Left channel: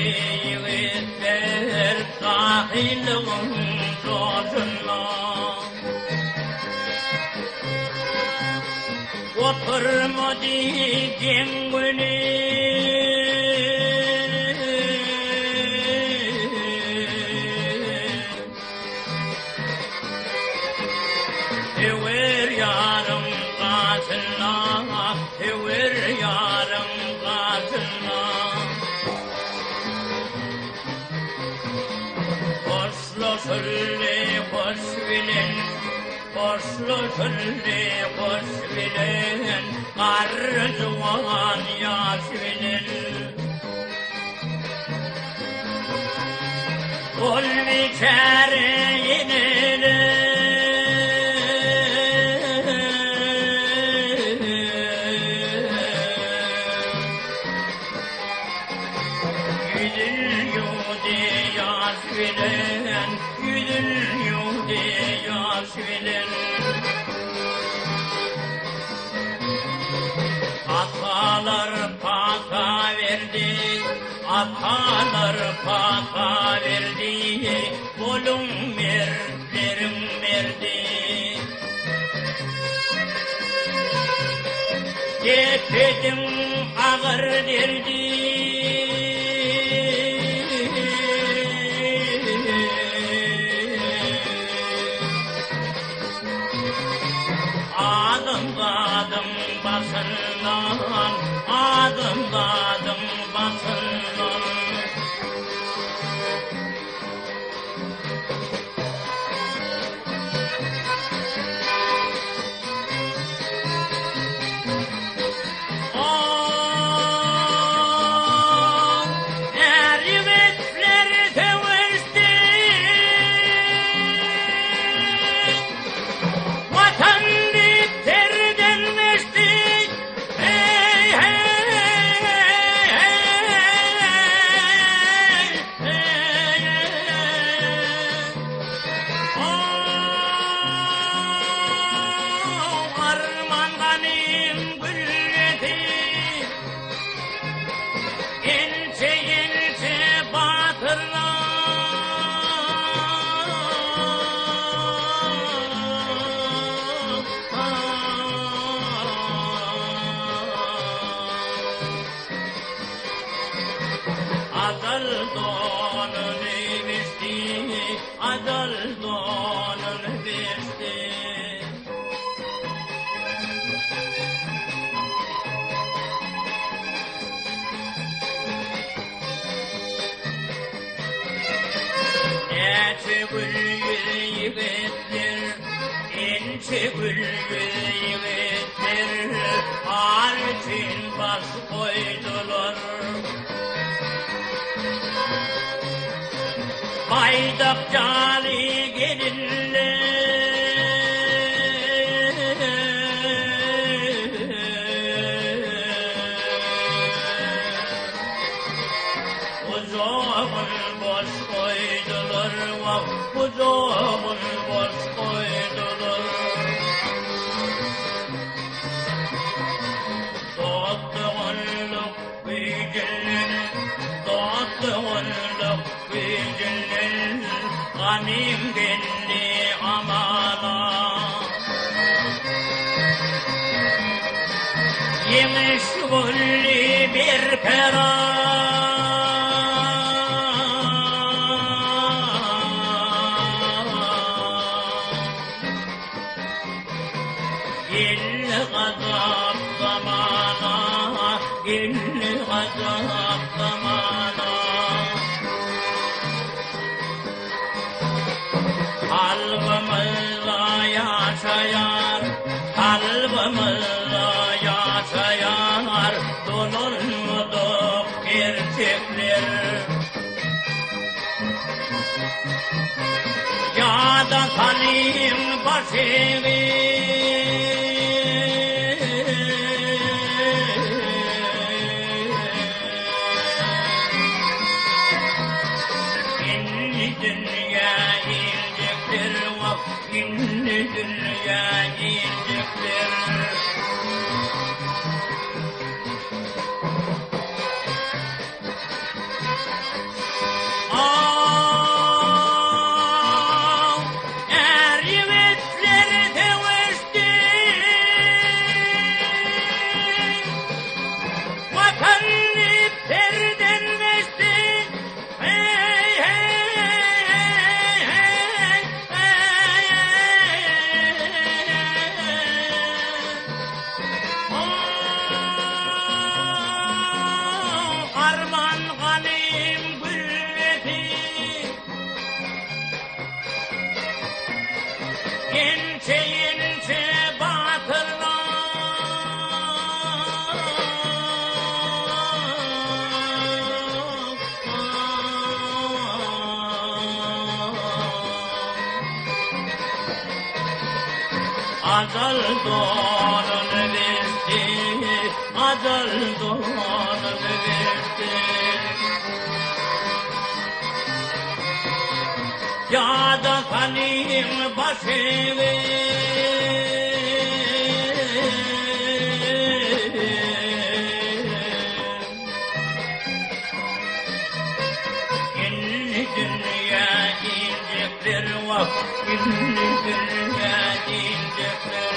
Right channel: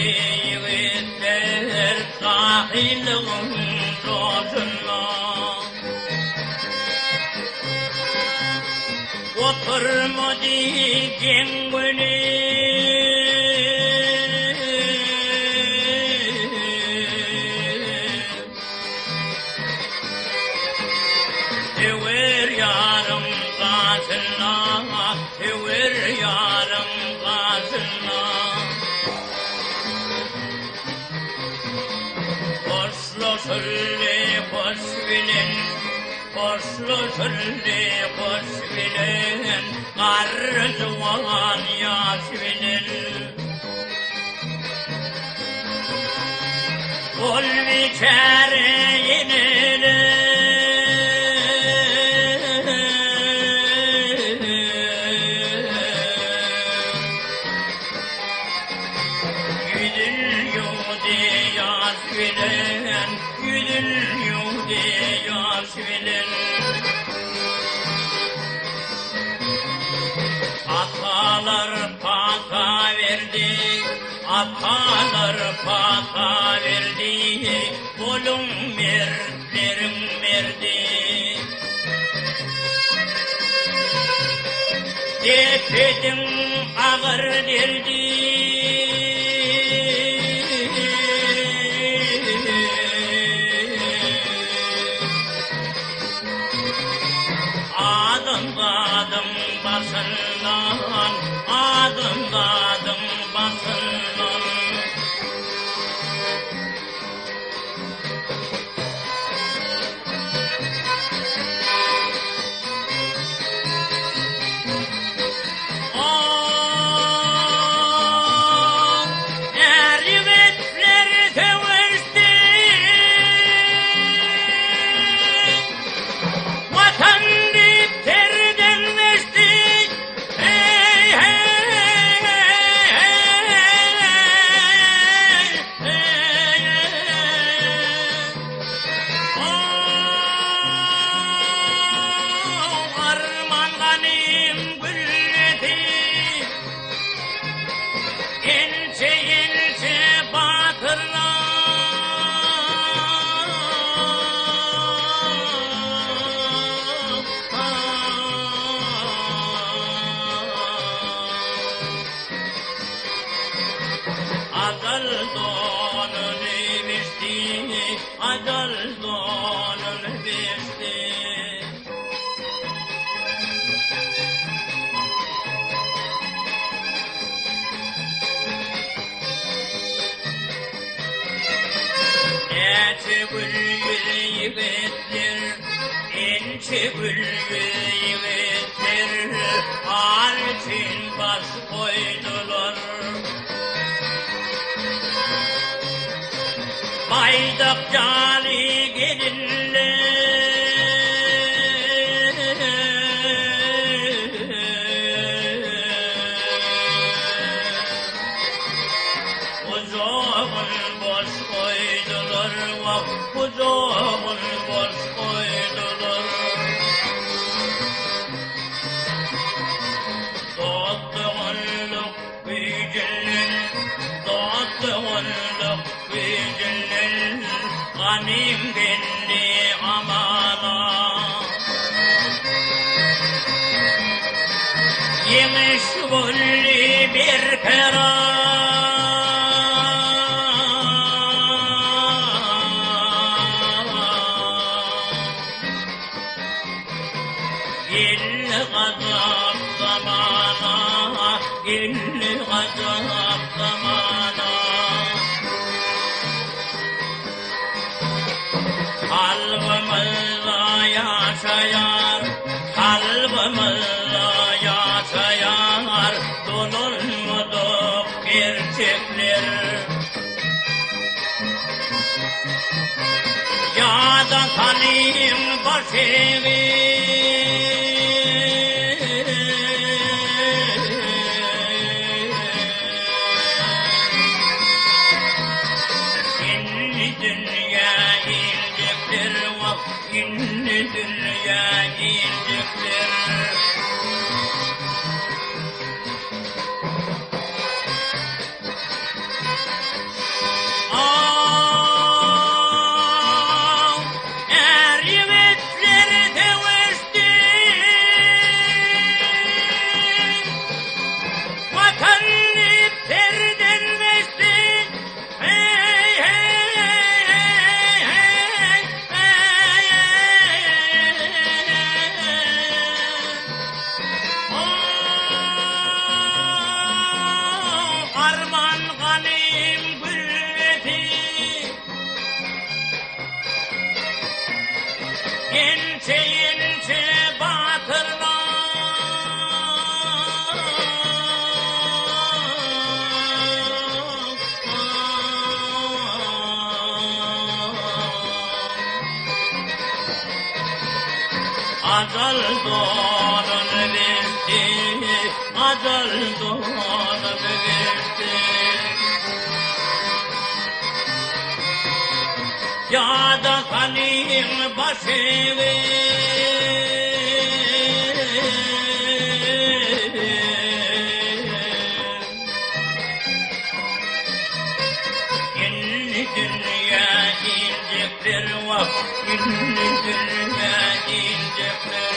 yiğitler sahilin rozuna. Oturma diyeceğin günü Ever yarım karşına, ever yarım karşına. Boşlu söyle boş bilin, boşlu söyle boş bilin, karzuvan yaş bilin. Ol bir kere yenilir. Atalar pata verdi, atalar pata verdi, bolum mertlerim verdi. Depedim ağır derdi, adım basından, adım basından. Adal donun verdi, adal donun verdi. Ece bülbül yiğitler, ince bülbül yiğitler, artin baş koydular. Baydak cali gelinler, uzağın boş koydular, uzağın boş koydular. Doğduğunluk büyücünün, doğduğunluk büyücünün, ganim belli amana. Yemiş gulli bir kera, gel gazap zamana, gel gazap zamana. Kalbimizde yaşayar, kalbimizde yaşayar, donulmadık gerçekler. Ya da tanıyım başımı, İnni dünya indiktir. Acel doğan verdi, acel doğan verdi. Ya da senin başını İnni dünya inciktir vah, inni dünya inciktir.